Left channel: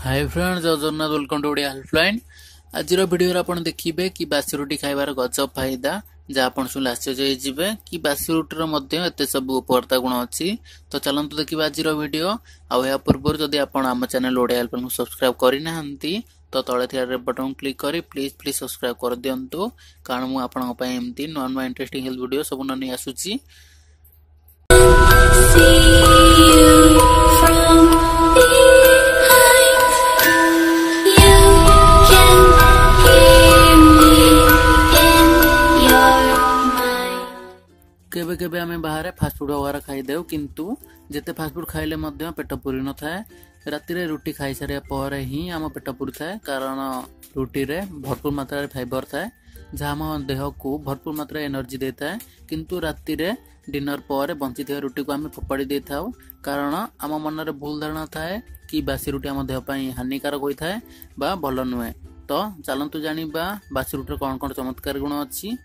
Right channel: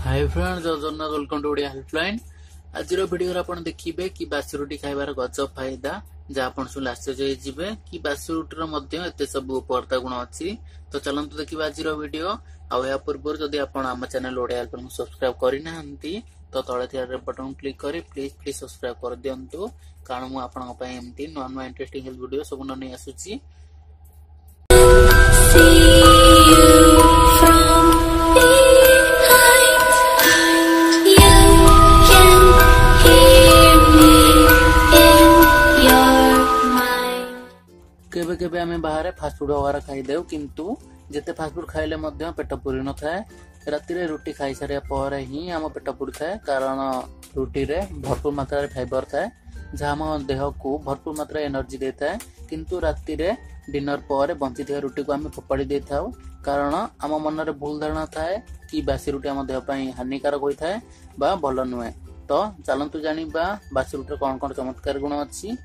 हाय friends, जय Jagannath, welcome to Odia helpline. आज video आप देखिए कि बासी रुटी खाइबार गजब फायदा जहाँ आप शुणी आश्चर्य हो कि बासी रुटीर एत सब उपकारिता गुण अच्छी। तो चलते देखिए आज वीडियो। आ पूर्व जदि आप आम चैनल ओडिया हेल्पलाइन को सब्सक्राइब करना तो तले रेड बटन क्लिक कर प्लीज प्लीज सब्सक्राइब कर दिंतु, कारण मुझे नुआ नुआ इंटरेस्टिंग हेल्थ वीडियो सब नहीं आसूची। केबे केबे आमे बाहर फास्टफुड वगैरह खाई देउ, किंतु जेते फास्टफुड खाइले मध्य पेट पूरी न थाए। राति रे रुटी खाई सारिया पर ही आम पेट पूरी थाए, कारण रुटी रे भरपूर मात्रा फाइबर थाए जहाँ आम देह को भरपूर मात्रा एनर्जी दे थाए। किंतु राति रे डिनर पर बंची थे रुटी को आम फोपाड़ी दे थाउ, कारण आम मन रे भूल धारणा थाए कि बासी रुटी आम देह पई हानिकारक होई थाए बा भल नुहे। तो चलंतु जानिबा बासी रुटी कौन कौन चमत्कार गुण अच्छी।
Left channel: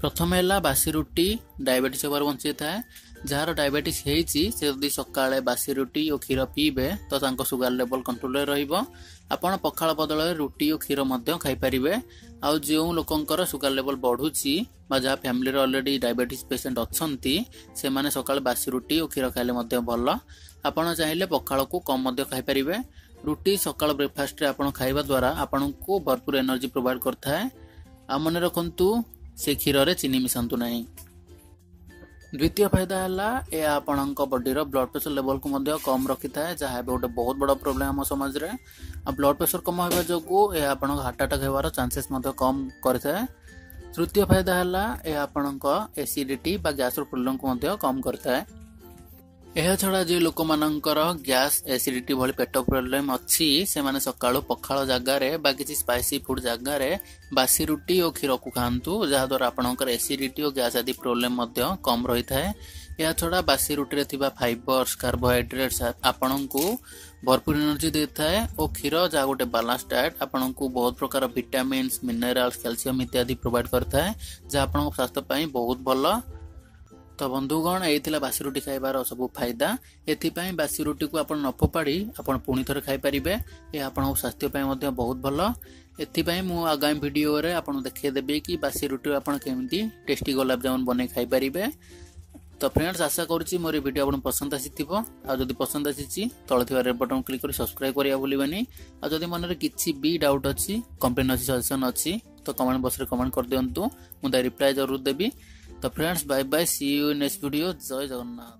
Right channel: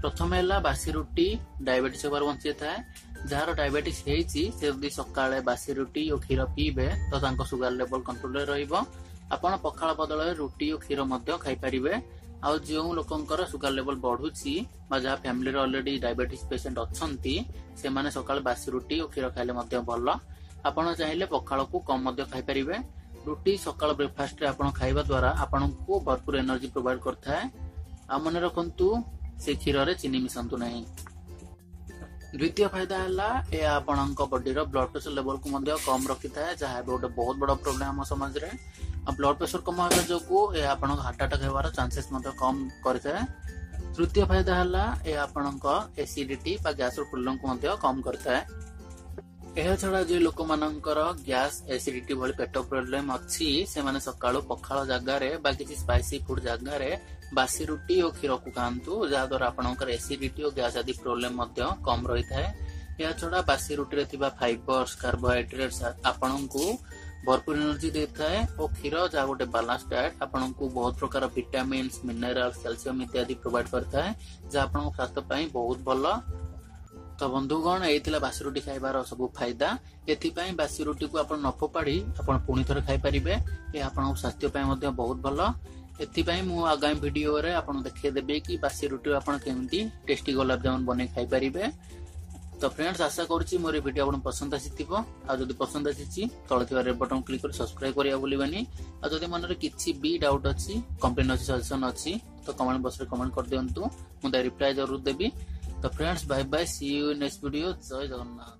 प्रथम है बासी रुटी डायबिटीज होबार बंची थाए। जार डायबिटीज होती से यदि सकाळे बासी रुटी और क्षीर पीबे तो सुगर लेवल कंट्रोल रहिबो। आपण पखाळ बदल रुटी और क्षीर मध्य खाई परिबे। आ जो लोकंकर सुगर लेवल बढ़ुची बा जहाँ फैमिली ऑलरेडी डायबिटीज पेशेंट अच्छंती से माने सकाळे बासी रुटी और क्षीर खाइले मध्य भल। आपण चाहिले पखाळ को कम मध्य खाई परिबे। रुटी सकाळ ब्रेकफास्ट रे आपण खाइबा द्वारा आपण को भरपूर एनर्जी प्रोवाइड करथाए। आ मन रखंतु से क्षीर रे चीनी मिसांतु नहीं। द्वितीय फायदा है आपणक बॉडी रो ब्लड प्रेशर लेवल को मध्य कम रखी थाए, जहाँ गोटे बहुत बड़ा प्रोब्लेम हम समाज रे। ब्लड प्रेशर कम होगा जो आपण हार्ट अटैक होवार चांसेस मध्य कम करथाए। तृतीय फायदा है आपणक एसिडिटी बा गैस रो प्रॉब्लम को मध्य कम करथाए। यह छड़ा जो लोक मानकर गैस एसिडिटी भली पेट प्रोब्लेम अच्छी से माने सकाळु पखाळ जगार बा किसी स्पाइसी फूड जगार बासी रुटी और क्षीर को खातु, जहाँ द्वारा आपणकर एसिडिटी और गैस आदि प्रोब्लेम मध्य कम रही थाए। यह छड़ा बासी रुटी रे थिबा फाइबर्स कार्बोहाइड्रेट्स आपन को भरपूर एनर्जी दे थाए और क्षीर जहाँ गोटे बैलेंस डाइट आपन को बहुत प्रकार विटामिन्स मिनरल्स कैल्शियम इत्यादि प्रोवाइड करता है, जहाँ आपन स्वास्थ्य पई बहुत भल। तो बंधुगण यही बासी रुटी खाइबार सब फायदा। एथिपाई बासी रुटी को आप न फोपाड़ी आप पुणी थे खाई पारे। यह आप स्वास्थ्य बहुत भल। एथिपाई मु आगामी वीडियो रे आपन देखिदेबी कि बासी रुटी आप केमती टेस्टी गुलाब जामुन बने खाई पारे। तो फ्रेंड्स, आशा करुच्ची मोर वीडियो आपन पसंद आसीथिबो। आ जदि पसंद आसीची तळे थिबा रेड बटन क्लिक कर सब्सक्राइब करिया भूलिबानी। आ जदि मन रे किछि भी डाउट अछि, कंप्लेन अछि, सजेशन अछि तो कमेंट बॉक्स रे कमेंट कर दियंतु, मु दा रिप्लाई जरूर देबी। तो friends, bye bye, see you in next video. जय जगन्नाथ।